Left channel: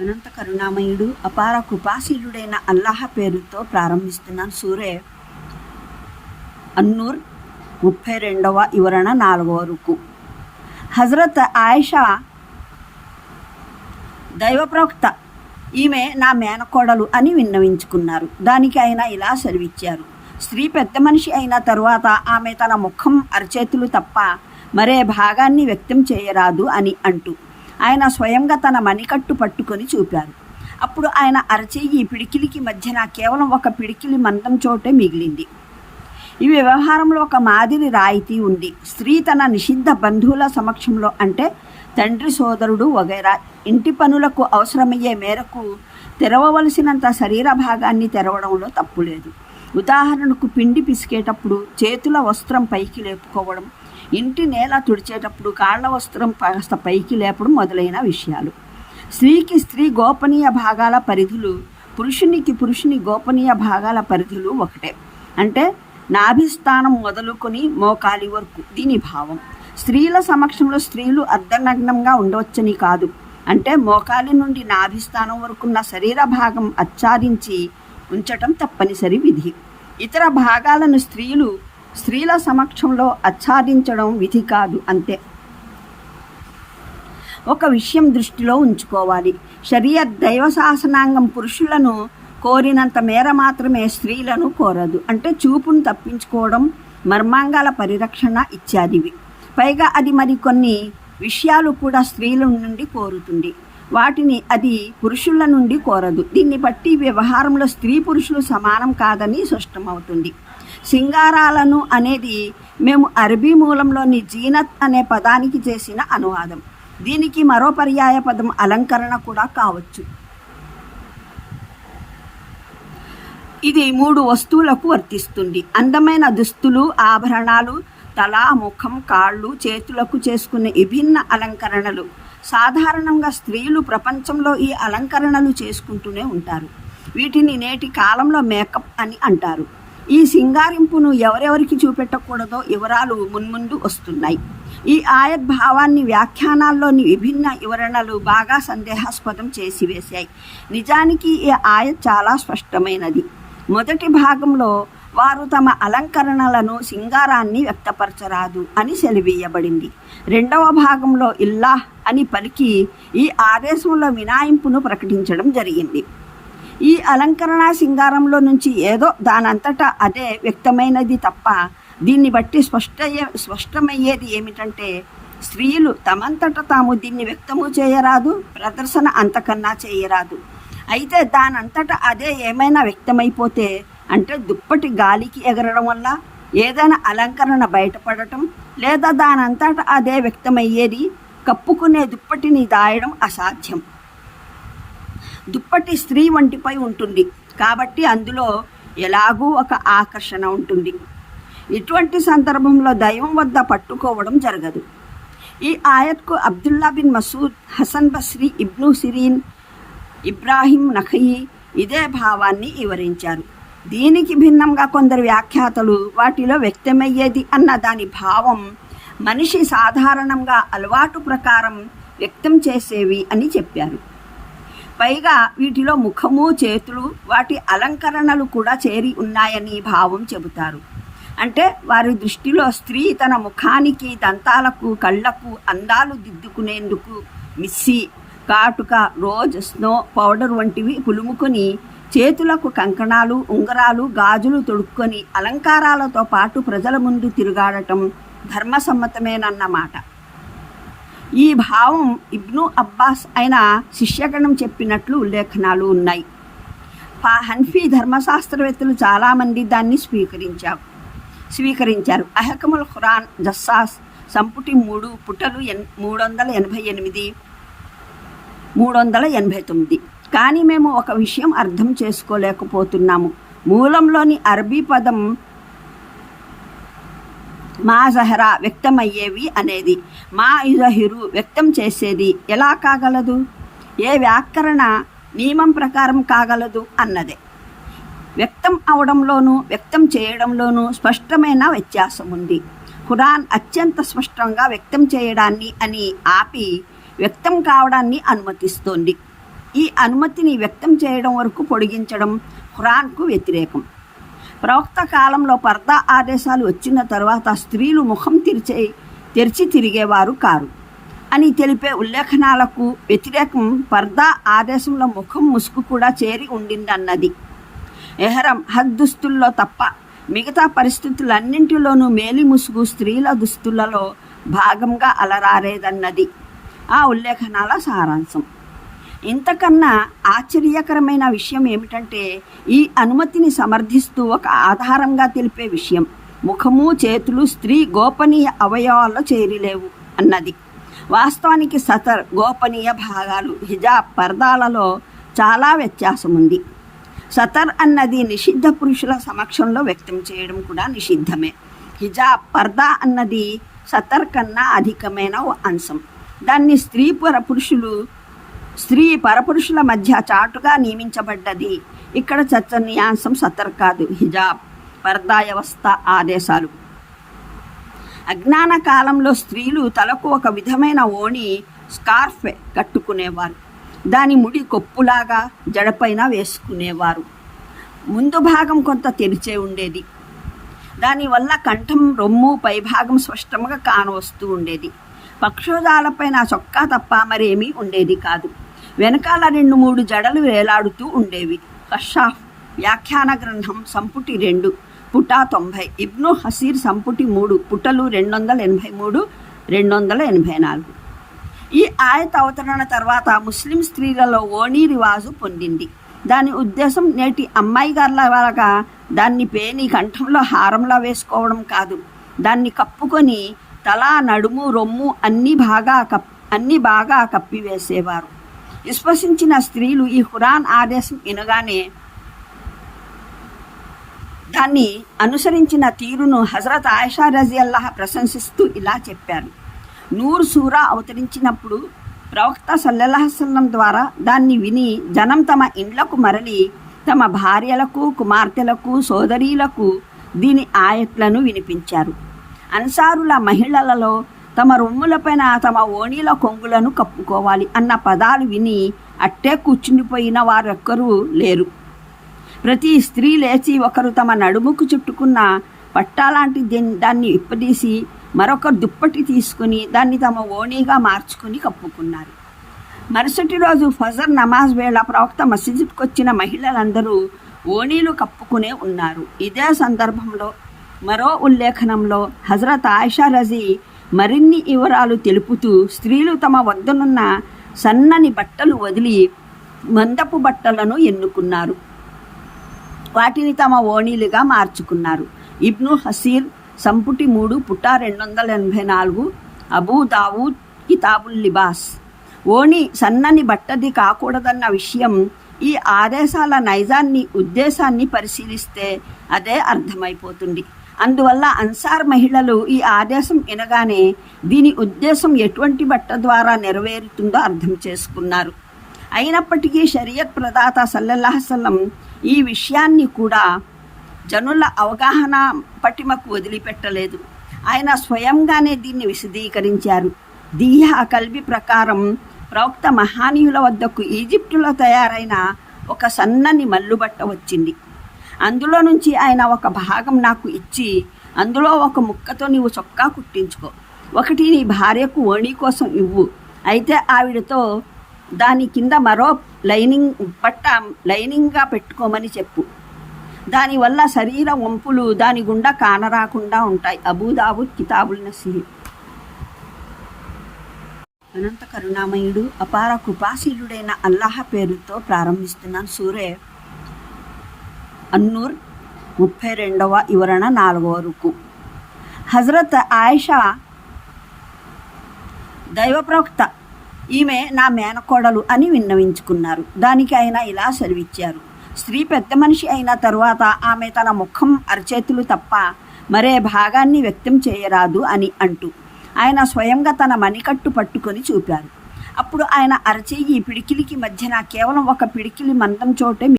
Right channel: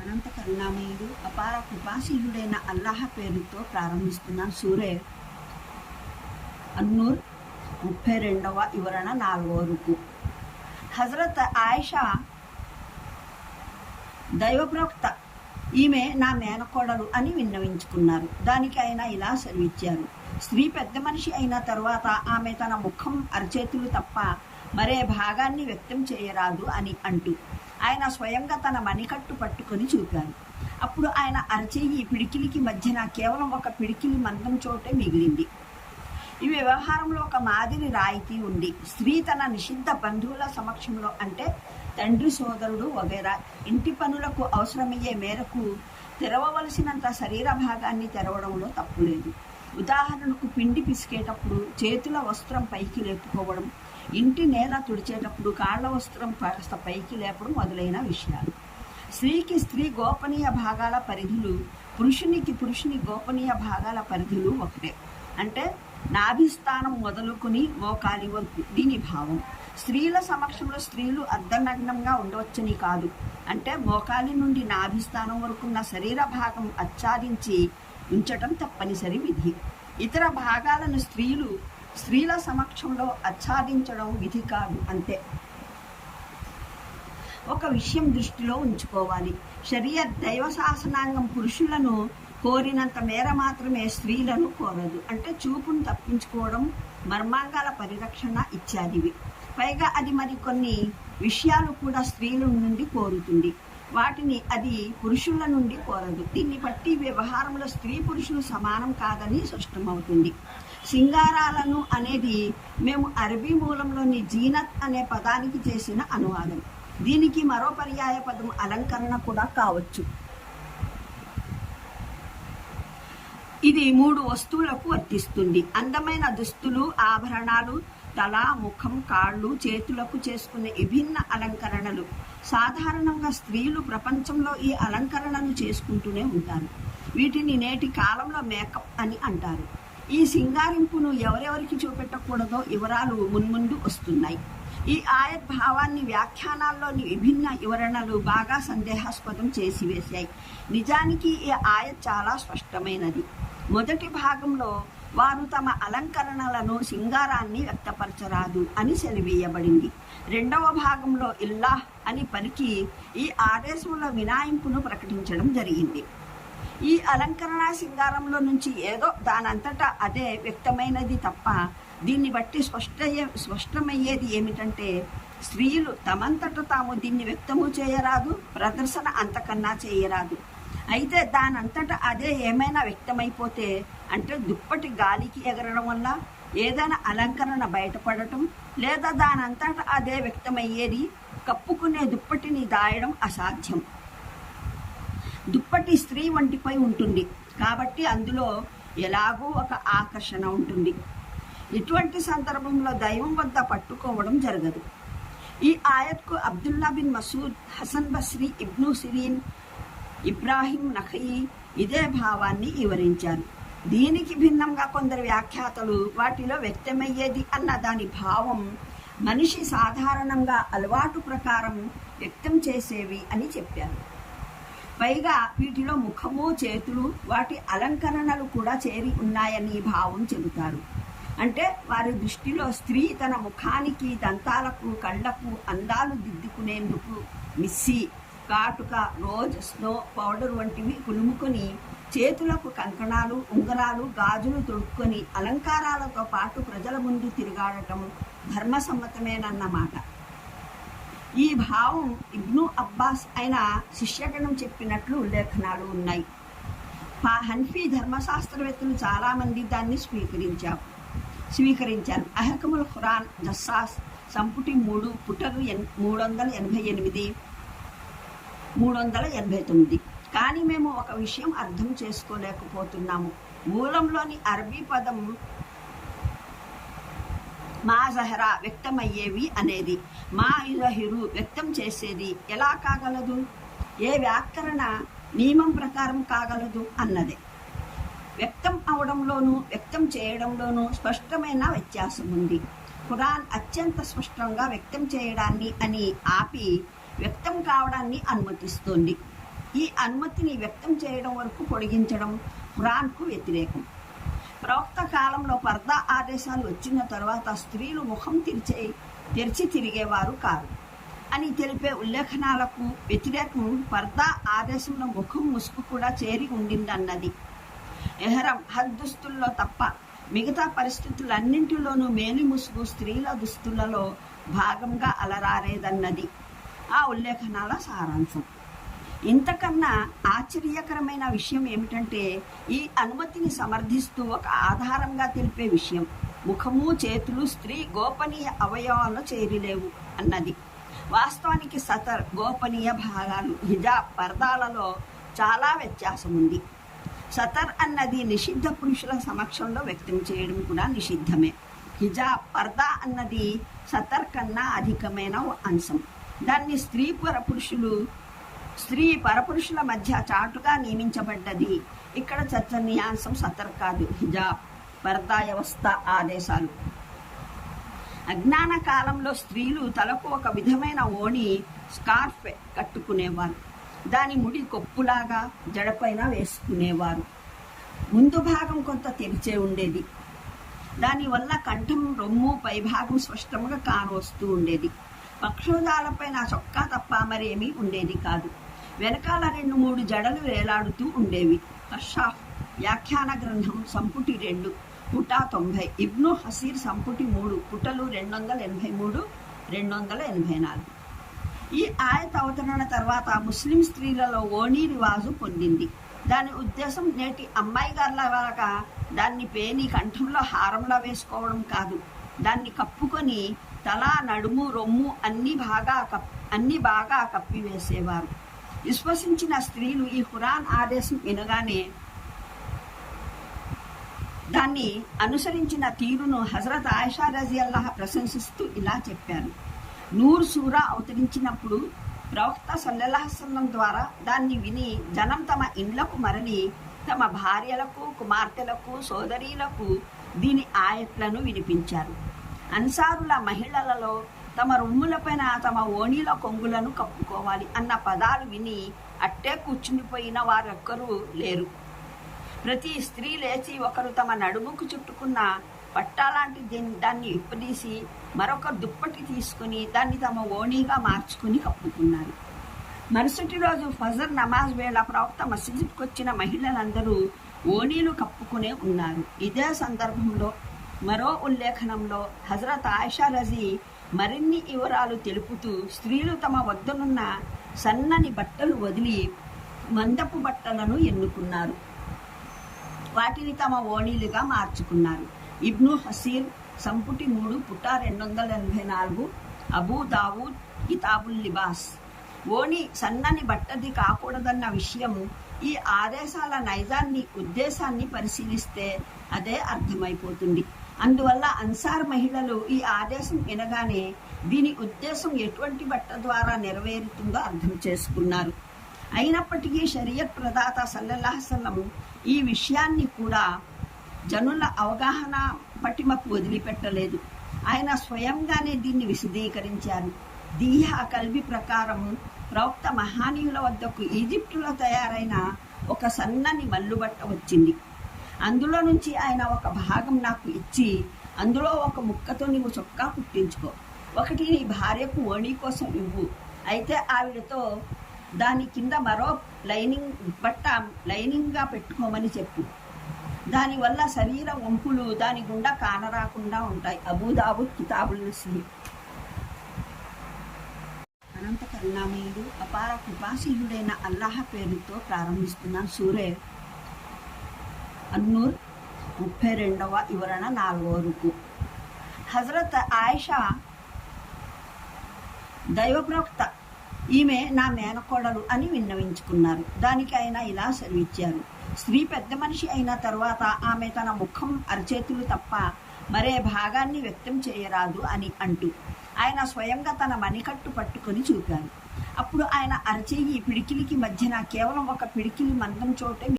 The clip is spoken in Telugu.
అనంత కరుణామయుడు అపార కృపాశీలుడైన అల్లాహ పేరుతో ప్రారంభిస్తున్నాను. సూరే అన్నూర్ ముప్పై రెండవ వివరణ నాలుగవ రుకు. హజరత్ ఆయిషా దైవప్రవక్త ఈమె నా మేనకోడలు అని విన్నవించుకున్నారు. దానికి ఆయన ఇలా సెలవిచ్చారు. స్త్రీ పెద్ద మనిషి అయిన తరువాత ఆమె తన ముఖం అరచేతులు తప్ప మరే భాగాన్ని వ్యక్తం చేయరాదు అని అంటూ ఆయన స్వయంగా తన మణికట్టు పట్టుకొని చూపారు అప్పుడు ఆయన అరచేయి పిడికిలికి మధ్యన కేవలం ఒక పిడికిలి మందం చోటే మిగిలింది. ఈ వ్యవహారంలో ఒక మాదిరి రాయితీ ఉంది. స్త్రీ తన నిషిద్ధ బంధువుల సమక్షంలో అంటే తండ్రి సోదరుడు వగైరా ఇంటి పనులకు అవసరమయ్యే మేరకు తెరవవలసినంత శరీర భాగాన్ని తెరవడంలో తప్పు లేదు ఉదాహరణకు పిండి పిసికేటప్పుడు చేతుల వస్త్రం పైకి లేపుకోవడం ఇంటి నేల తుడిచేటప్పుడు కాళ్ళ వస్త్రం కాస్త పైకి లేపడం మొదలైన విషయాలు. స్త్రీకి స్త్రీ గోపనీయ భాగాల పరిధులు పురుషునికి పురుషుని గోపనీయ భాగాల పరిధులు ఒకటే. అంటే నాభిస్థానం మొదలుకొని మోకాలి వరకు దీని భావం. స్త్రీల సమక్షంలో స్త్రీలు అర్ధనగ్నంగా ఉండవచ్చని కాదు. అంటే మోకాలి నుండి నాభిస్థానం వరకున్న శరీర భాగం ఆచ్ఛాదించి ఉంచటం తప్పనిసరి విధి. ఇతర భాగాలను స్త్రీలు స్త్రీల సమక్షంలో ఆచ్ఛాదించడం విధి కాదు అంతే. ఒక విషయం దృష్టిలో ఉంచుకోవాలి. శరీర దైవ శాసనాంగం పురుషులను కోరినంత మేర మాత్రమే స్త్రీలను కోరదు. అంటే చూపును తప్పించుకోవడం మర్మాంగాల పరిరక్షణ ఇత్యాదివి. పైగా అది మరి కొన్ని విషయాలు కూడా స్త్రీల నుండి కోరుతుంది. వాటిని అది పురుషుల నుండి కోరదు. దీన్ని బట్టి వ్యవహారంలో స్త్రీ పురుషులు సమానం కాదని స్పష్టమవుతుంది. సింగారాలను అనేది మేము అరబీ మూలంలోని జీనత్ అనే పదానికి చేసిన అనువాదం. దీనికి మరో పర్యాయ పదం అలంకరణ కూడా కావచ్చు. ఇది మూడు వస్తువులకు వర్తిస్తుంది. అందమైన దుస్తులు ఆభరణాలు తల ముఖం కాళ్ళు చేతులకు చేసుకునే విభిన్న అలంకరణలు. సాధారణంగా స్త్రీలు ప్రపంచంలో ఈ అలంకరణలు చేసుకుంటూనే ఉంటారు. వీటిని నేటి కాలంలో మేకప్ అని అంటారు. ఈ సింగారింపును ఎవరెవరికి చూపెట్టకూడదో వివరాలు మున్ముందు వస్తున్నాయి. ఈ ఆయత్ భావాన్ని వ్యాఖ్యానాల్లోని విభిన్న వివరణలు బాగా సందేహాస్పదం చేసివేశాయి నిజానికి ఈ ఆయత్ చాలా స్పష్టమైనది. మొదటి భాగంలో వారు తమ అలంకరణలను సింగారాన్ని వ్యక్తపరచరాదు అని సెలివేయబడింది. రెండవ భాగంలో ఇల్లాహ్ అని పలికి ఈ ఆదేశంలో వినాయింపును ప్రకటించడం జరిగింది. ఈ అలంకరణ సింగారంలో నుంచి ఏదో దానంతటా అదే వ్యక్తమైనది తప్ప దీన్ని బట్టి స్పష్టయ్యే స్పష్టమయ్యేది ఏమిటంటే స్త్రీలు తమంతట తాము దీన్ని వ్యక్తము చేయరాదు ప్రదర్శన అంతకన్నా చేయరాదు. అయితే దానంతట అదే ఏమైనా వ్యక్తమైపోతే అంటే దుప్పటి గాలికి ఎగరడం వల్ల ఏదైనా అలంకరణ బయటపడటం లేదా దానంతట అదే వ్యక్తమయ్యేది కప్పుకునే దుప్పటిని దాయడం అసాధ్యం. దుప్పటి స్త్రీ వంటిపై ఉంటుంది. కాబట్టి అందులో ఎలాగూ ఒక ఆకర్షణ ఉంటుంది. ఇటువంటి సందర్భంలో దైవం వద్ద పట్టుకోవడం జరగదు. ఈ ఆయత్కు Abdullah bin Masud Hasan Basri Ibn Sirin Ibrahim Nakhai ఇదే భావాన్ని వివరించారు. దీనికి భిన్నంగా కొందరు వ్యాఖ్యాతలు వాటిలో వ్యక్తమయ్యేది అన్న దాని భావం మనిషి సాధారణంగా అలవాటు ప్రకారం వ్యక్తం చేసేవి అని చెప్పారు. పైగా వీటిలో ముఖము చేతులు వాటి అలంకరణలు కూడా చేరి ఉన్నాయని భావం చెబుతారు. అంటే వారి దృష్టిలో స్త్రీ తన ముఖానికి దంతాలకు కళ్ళకు అందాలు దిద్దుకునేందుకు మిస్సి కాటుక రోజ్ స్నో పౌడర్ వంటివి పులుముకొని చేతులకు కంకణాలు ఉంగరాలు గాజులు తొడుక్కొని అలంకారాలతో పాటు ప్రజల ముందు తిరుగాడటం ధర్మసమ్మతమేనన్నమాట. ఈ భావం ఇబ్ను అబ్బాస్ అయిన శిష్యగణం చెప్పినట్లు ఉల్లేఖనాలు ఉన్నాయి. పా హన్ఫీ ధర్మశాస్త్రవేత్తలు చాలామంది దాన్ని స్వీకరించారు. స్వీకరించారు. అహకముల్ ఖురాన్ జస్సాస్ సంపుటి మూడు పుటలు ఎన్ మూడు వందల ఎనభై ఎనిమిది మూడు వందల ఎనభై తొమ్మిది. కానీ మేము ఒక విషయం అర్థం చేసుకోలేకపోతున్నాము. మూలంలోని అరబీ పదం మా జహరా వ్యక్తమయ్యేవి అనేది. మా ఇజహిరు వ్యక్తం చేసేది ఎలా కాగలదు? ఏ వ్యాకరణ నియమం ప్రకారం కాగలదు అన్నదే. వ్యక్తం అవడంలోనూ వ్యక్తం చేయడంలోనూ స్పష్టమైన వ్యత్యాసం ఉంది ఖురాన్ అత్యంత స్పష్టంగా వ్యక్తం చేయడాన్ని అని ఆపి వ్యక్తం కావడాన్ని అనుమతిస్తోంది. ఈ అనుమతిని వ్యక్తం చేయడం వరకు పొడిగించడం ఖురాన్కు వ్యతిరేకం. ప్రవక్త కాలంలో పర్దా ఆదేశాలు వచ్చిన తర్వాత స్త్రీలు ముఖం తెరిచే తెరిచి తిరిగేవారు కారు. అని తెలిపే ఉల్లేఖనాలకు వ్యతిరేకం పర్దా ఆదేశంలో ముఖం ముసుగు కూడా చేరి ఉండిందన్నది. ఎహరం హద్ దుస్తుల్లో తప్ప మిగతా పరిస్థితులన్నింటిలోనూ మేలి ముసుగు స్త్రీల దుస్తులలో భాగంగా అలరారేదన్నది. ఆ ఉల్లేఖనాల సారాంశం. ఇంతకన్నా ఆశ్చర్యకరమైన విషయం ఏమిటంటే ఈ అనుమతిని సమర్థిస్తూ ఒక ఆధారంగా తెలిపే విషయం. ముఖము చేతులు స్త్రీ గోపనీయ అవయవాల్లో చేరిలేవు అన్నది. వాస్తవానికి సతర్ గోపనీయ భాగాలు హిజాబ్ పర్దాలలో చాలా వ్యత్యాసం ఉంది సతర్ అన్నది నిషిద్ధ పురుషుల సమక్షంలో వ్యక్తం చేయడం కూడా నిషిద్ధమే. హిజాబ్ పర్దా అన్నది సతర్ కన్నా అధికమైన ఓ అంశం. దాన్ని స్త్రీ పుర పురుషులు స్త్రీ పరపురుషుల మధ్య చాటుగా నియమించబడ్డది. ఇక్కడ చర్చనీయాంశం సతర్ కాదు. హిజాబ్ పర్దాయవస్థ ఆదేశాలు. అజ్ఞాన కాలంలో స్త్రీలు తలకు ఒక విధమైన ఓణి స్కార్ఫ్ కట్టుకునేవారు. దాని ముడి కొప్పులాగా జడపైన వేసుకునేవారు. ముందు భాగం కొంత తెరిచే ఉండేది. దానివల్ల కంఠం రొమ్ము పైభాగం స్పష్టంగా కానవస్తూ ఉండేది. పక్షోజాలపైన చొక్కా తప్ప మరేమీ ఉండేది కాదు. వెనకాల రెండు మూడు జడలు వేలాడుతూ ఉండేవి. కషాఫ్ వ్యాఖ్యాన గ్రంథం సంపుటి రెండు పుటా తొంభై ఇబ్ను హసీర్ సంపుటి మూడు పుటలు రెండు వందల ఎనభై మూడు రెండు వందల ఎనభై నాలుగు ఈ ఆయత అవతరణ తర్వాత ముస్లిం స్త్రీలలో ఓణీ రివాజు పొందింది. దాని ఉద్దేశం నేటి అమ్మాయి గారుల వలగా దాన్ని పేని కంఠంలో హారంలా వేసుకోవడం కాదు. దాన్ని కప్పుకొని తల నడుము రొమ్ము అన్ని బాగా కప్ అన్ని బాగా కప్పివేసేవారు. విశ్వసించిన స్త్రీలు ఈ ఖురాన్ ఆదేశం వినగానే దాన్ని అనుసరించిన తీరును హజరత్ ఆయిషా రజీ అల్లాహ్ ప్రశంసిస్తూ ఇలా చెప్పారు. నూరు సూరా అవతరించినప్పుడు ప్రవక్త సల్లెల్లాహసల్లం ద్వారా దాన్ని విని జనం తమ ఇండ్లకు మరలి తమ భార్యలకు కుమార్తెలకు సోదరీలకు దీని ఆయట్లను వినిపించారు. అన్సారుల మహిళలలో తమ రొమ్ములపైన తమ ఓణీల కొంగులను కప్పుకోవాలి అన్న పదాలు విని అట్టే కూర్చుండిపోయిన వారెక్కరూ లేరు. ప్రతి స్త్రీ లేచి ఒకరు తమ నడుముకు చుట్టుకున్న పట్టాలాంటి దాన్ని ఇప్పదీసి మరొకరు దుప్పటి తీసుకుని దాన్ని తమ ఓణీగా మార్చుకుని కప్పుకున్నారు. మరుసటి రోజు ఫజర్ నమాజ్ వేళ ప్రవక్త మసీదుకు వచ్చిన మహిళలందరూ ఓణీలు కప్పుకునే ఉన్నారు. ఇదే సందర్భంలో మరో ఉల్లేఖనంలో హజరత్ ఆయిషా రజీ మరిన్ని వివరాలు తెలుపుతూ స్త్రీలు తమ వద్దనున్న సన్నని బట్టలు వదిలి మందపు బట్టలను ఎన్నుకున్నారు. వాటిని తమ ఓణీలుగా మార్చుకున్నారు. ఇబ్ను హసీర్ సంపుటి మూడు పుట్ట రెండు వందల ఎనభై నాలుగు అబూ దావూద్ కితాబుల్ లిబాస్. ఓణి సన్నని బట్టది కాకూడదన్న విషయం ఈ ఆదేశాల నైజాన్ని ఉద్దేశాన్ని పరిశీలిస్తే అదే అర్థమైపోతుంది. అందువల్ల అన్సార్ మహిళలు ఈ ఆదేశం వినగానే దీని ఉద్దేశం ఎటువంటి బట్ట ద్వారా నెరవేరుతుందో అర్థం చేసుకున్నారు. అయినప్పటికీ షరియత్ ప్రదాత సల్లల్లాహసల్లం ఈ విషయాన్ని కూడా జనుల అవగాహన పటిమకు వదిలిపెట్టలేదు. ఆయన స్వయంగానే దీన్ని విశదీకరించారు. దీహ కల్బి ప్రకారం ప్రవక్త మహానీయుల వద్దకు ఈజిప్టులో తయారైన ఒక సన్నని మల్లుబట్ట వచ్చింది. అందులో నుంచి ఆయన ఒక భాగం నాకు ఇచ్చి అందులో ఒక ముక్కతో నీవు చొక్కా కుట్టించుకో. ఒకటి నీ భార్యకు ఓణి కోసం ఇవ్వు. అయితే ఆవిడతో దాని కింద మరో లైనింగ్ బట్ట లైనింగ్గా పెట్టుకోమని చెప్పు. దానివల్ల శరీర వంపులు దాని గుండా కానరాకుండా ఉంటాయి. అబూదాబుద్ కితాబుల్ నసీహ్. అనంత కరుణామయుడు అపార కృపాశీలుడైన అల్లాహ పేరుతో ప్రారంభిస్తున్నాను. సూరే అన్నూర్ ముప్పై రెండవ వివరణ నాలుగవ రుకు. హజరత్ ఆయిషా దైవ ప్రవక్త ఈమె నా మేనకోడలు అని విన్నవించుకున్నారు. దానికి ఆయన ఇలా సెలవిచ్చారు. స్త్రీ పెద్ద మనిషి అయిన తరువాత ఆమె తన ముఖం అరచేతులు తప్ప మరే భాగాన్ని వ్యక్తం చేయరాదు అని అంటూ ఆయన స్వయంగా తన మణికట్టు పట్టుకొని చూపారు. అప్పుడు ఆయన అరచేయి పిడికిలికి మధ్యన కేవలం ఒక పిడికిలి మందం చోటే